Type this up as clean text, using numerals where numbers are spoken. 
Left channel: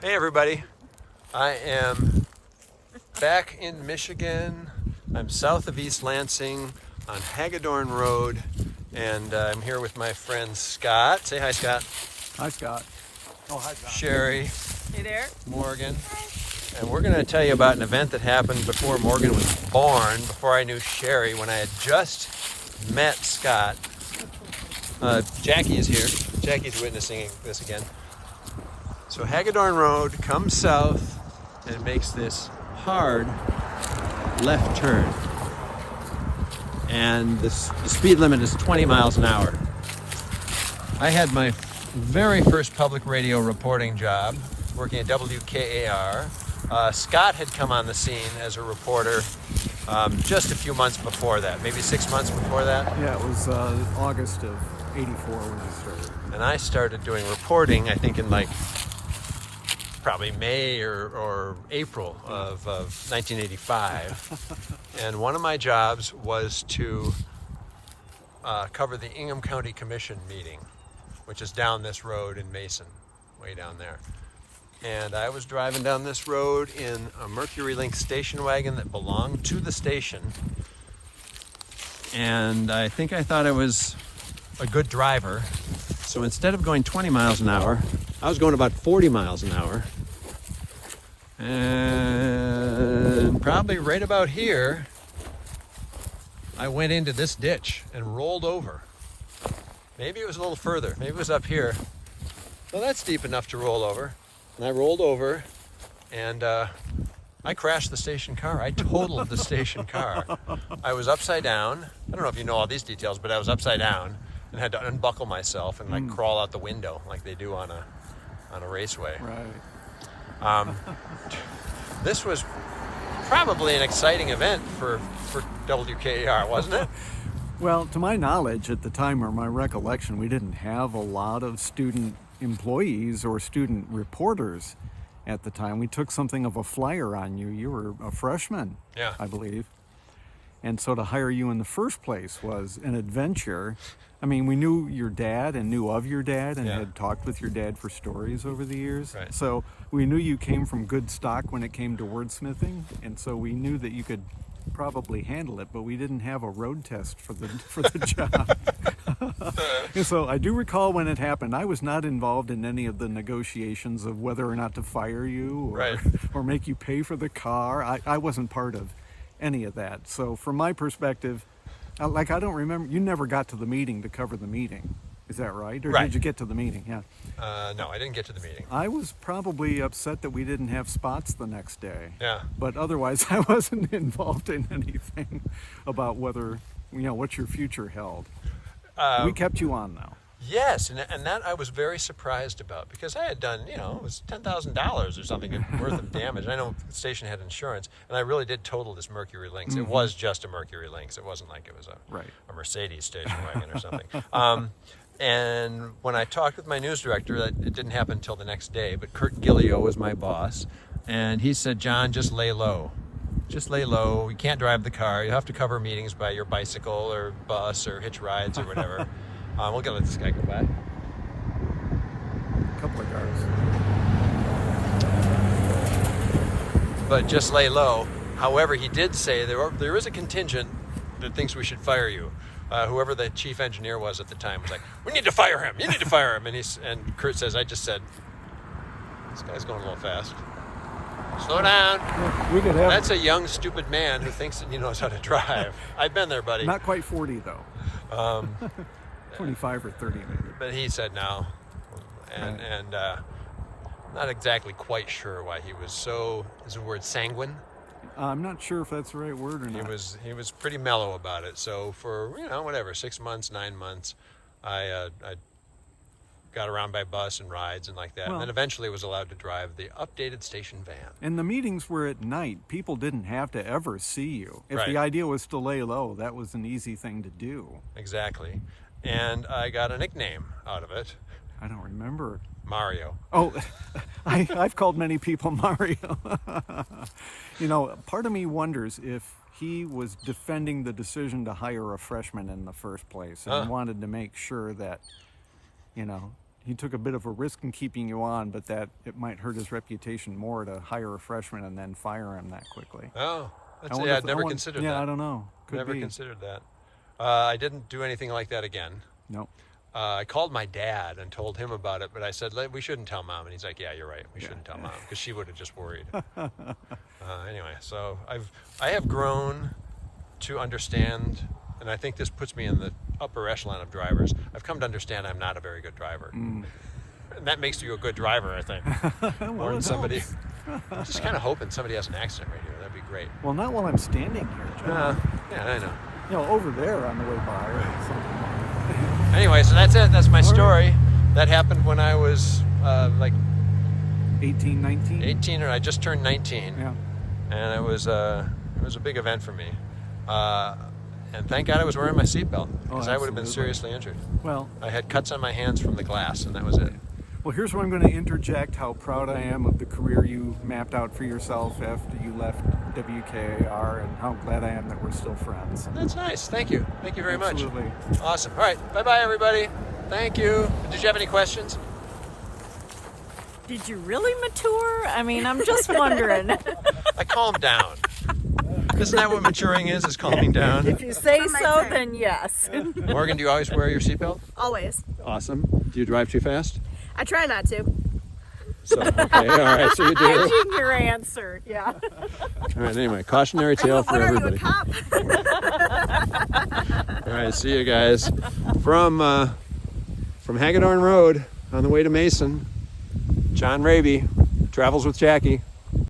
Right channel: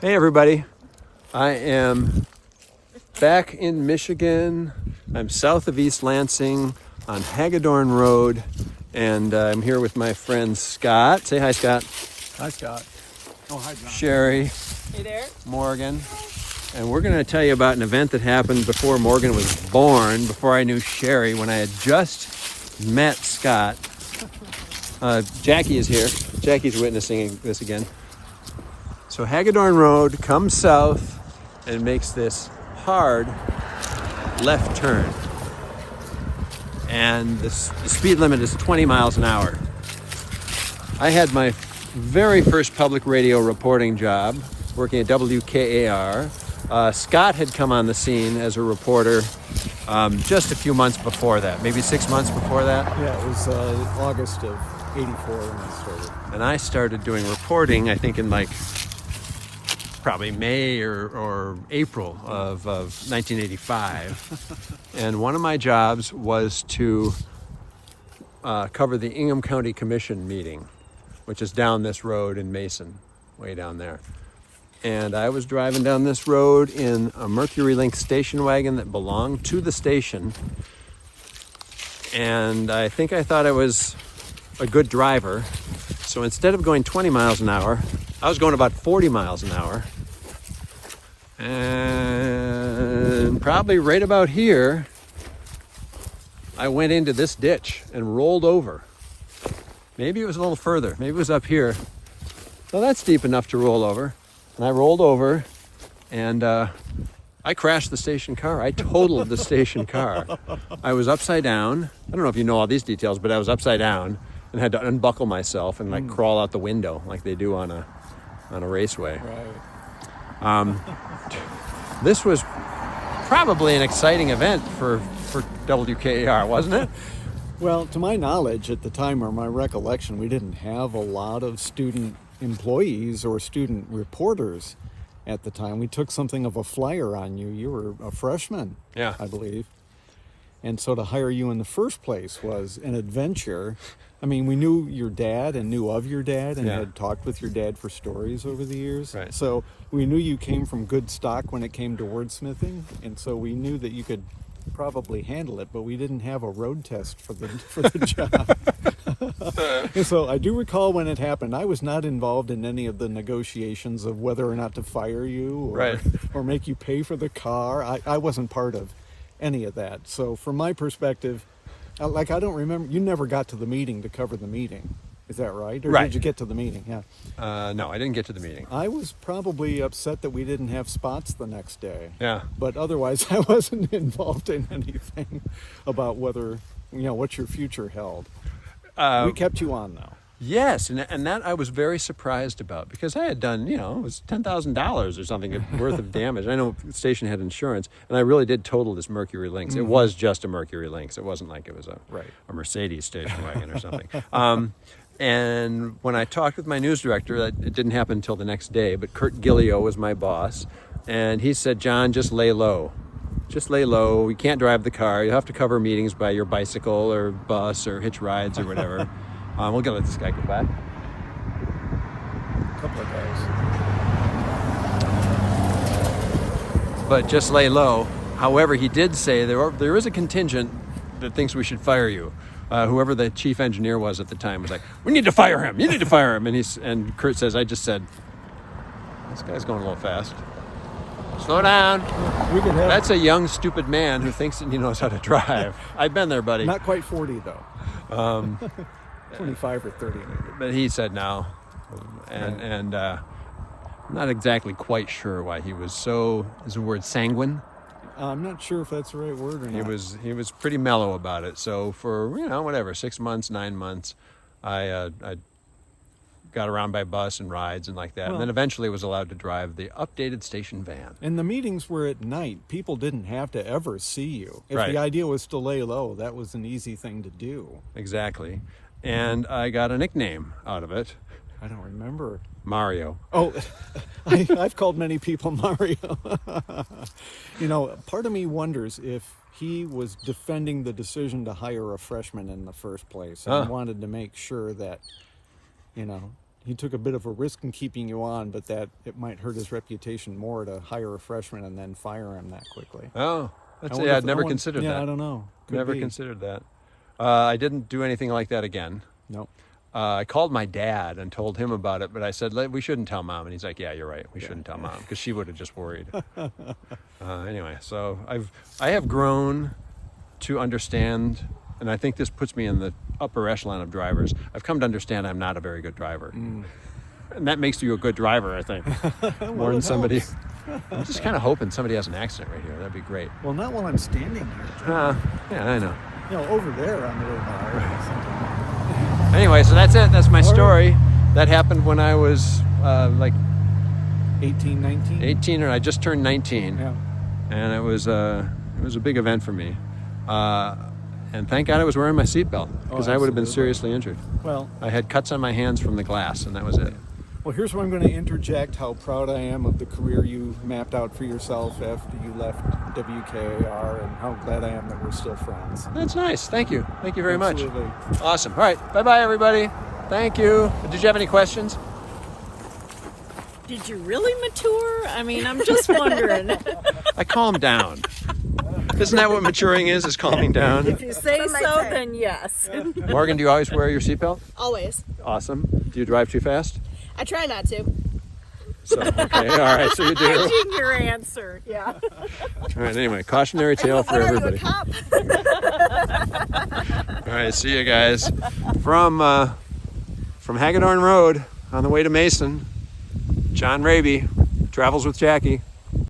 Hey everybody, I am back in Michigan. I'm south of East Lansing on Hagedorn Road, and I'm here with my friend Scott. Say hi, Scott. Hi, Scott. Oh, hi, John. Sherry. Hey there. Morgan. And we're going to tell you about an event that happened before Morgan was born, before I knew Sherry, when I had just met Scott. Jackie is here. Jackie's witnessing this again. So Hagedorn Road comes south and makes this hard left turn. And the speed limit is 20 miles an hour. I had my very first public radio reporting job working at WKAR. Scott had come on the scene as a reporter just a few months before that, maybe 6 months before that. Yeah, it was August of '84 when I started. And I started doing reporting, I think in like probably May or April of 1985. And one of my jobs was to cover the Ingham County Commission meeting, which is down this road in Mason, way down there. And I was driving down this road in a Mercury Link station wagon that belonged to the station. And I think I thought I was a good driver. So instead of going 20 miles an hour, I was going about 40 miles an hour. And probably right about here, I went into this ditch and rolled over. Maybe it was a little further. Maybe it was up here. Well, that's deep enough to roll over. And I rolled over and I crashed the station car. I totaled the station car. I was upside down. I don't know if you know all these details, but I was upside down and had to unbuckle myself and like crawl out the window like they do on a raceway. Right. This was probably an exciting event for WKAR, wasn't it? Well, to my knowledge at the time, or my recollection, we didn't have a lot of student employees or student reporters at the time. We took something of a flyer on you. You were a freshman, Yeah. I believe. And so to hire you in the first place was an adventure. I mean, we knew your dad and knew of your dad and Yeah. had talked with your dad for stories over the years. Right. So we knew you came from good stock when it came to wordsmithing, and so we knew that you could probably handle it, but we didn't have a road test for the job. And so I do recall when it happened. I was not involved in any of the negotiations of whether or not to fire you or, Right. or make you pay for the car. I wasn't part of any of that. So from my perspective, I don't remember, you never got to the meeting to cover the meeting. Is that right? Or Right. did you get to the meeting? Yeah. No, I didn't get to the meeting. I was probably upset that we didn't have spots the next day. Yeah. But otherwise, I wasn't involved in anything about whether, what your future held. We kept you on, though. Yes, and that I was very surprised about because I had done, it was $10,000 or something worth of damage. I know the station had insurance, and I really did total this Mercury Lynx. It was just a Mercury Lynx. It wasn't like it was a Mercedes station wagon or something. And when I talked with my news director, it didn't happen until the next day, but Kurt Gillio was my boss, and he said, John, just lay low. Just lay low. You can't drive the car. You have to cover meetings by your bicycle or bus or hitch rides or whatever. We're gonna let this guy go by. A couple of cars. But just lay low. However, he did say there is a contingent that thinks we should fire you. Whoever the chief engineer was at the time was like, "We need to fire him. You need to fire him." And Kurt says, "I just said, this guy's going a little fast. Slow down." We could have That's a young, stupid man who thinks that he knows how to drive. I've been there, buddy. not quite 40, though. 25 or 30, maybe. But he said no, and I'm not exactly quite sure why he was so. Is the word sanguine? I'm not sure if that's the right word or not. He was pretty mellow about it. So for whatever 6 months, 9 months, I got around by bus and rides and like that, Well, and then eventually was allowed to drive the updated station van. And the meetings were at night. People didn't have to ever see you. If Right. the idea was to lay low, that was an easy thing to do. Exactly, and I got a nickname out of it, I don't remember. Mario. Oh, I've called many people Mario. Part of me wonders if he was defending the decision to hire a freshman in the first place and wanted to make sure that, he took a bit of a risk in keeping you on, but that it might hurt his reputation more to hire a freshman and then fire him that quickly. Oh, I wonder I'd if- never considered yeah, that. I don't know. Could Never be. considered that. I didn't do anything like that again. No. I called my dad and told him about it, but I said, we shouldn't tell Mom. And he's like, yeah, you're right. We shouldn't tell Mom, because she would have just worried. Anyway, so I have grown to understand, and I think this puts me in the upper echelon of drivers. I've come to understand I'm not a very good driver. And that makes you a good driver, I think. More than somebody. I'm just kind of hoping somebody has an accident right here. That'd be great. Well, not while I'm standing here, John. Yeah, I know. You know, over there on the way by. Or something. Anyway, so that's it. That's my All right. story. That happened when I was like 18, 19? 18, or I just turned 19. Yeah. And it was a big event for me. And thank God I was wearing my seatbelt, because I would have been absolutely. seriously injured. Well, I had cuts on my hands from the glass, and that was it. well, here's where I'm going to interject how proud I am of the career you mapped out for yourself after you left WKAR, and how glad I am that we're still friends. That's nice. Thank you. Thank you very Absolutely. much. Awesome. All right. Bye-bye, everybody. Thank you. Did you have any questions? Did you really mature? I mean, I'm just wondering. I calmed down. Isn't that what maturing is calming down? If you say so, then yes. Morgan, do you always wear your seatbelt? Always. Awesome. Do you drive too fast? I try not to. So, okay, all right, so you do. Hedging your answer, yeah. All right, anyway, cautionary tale for What are you, a everybody. cop? All right, see you guys. From Hagedorn Road on the way to Mason, John Raby, travels with Jackie.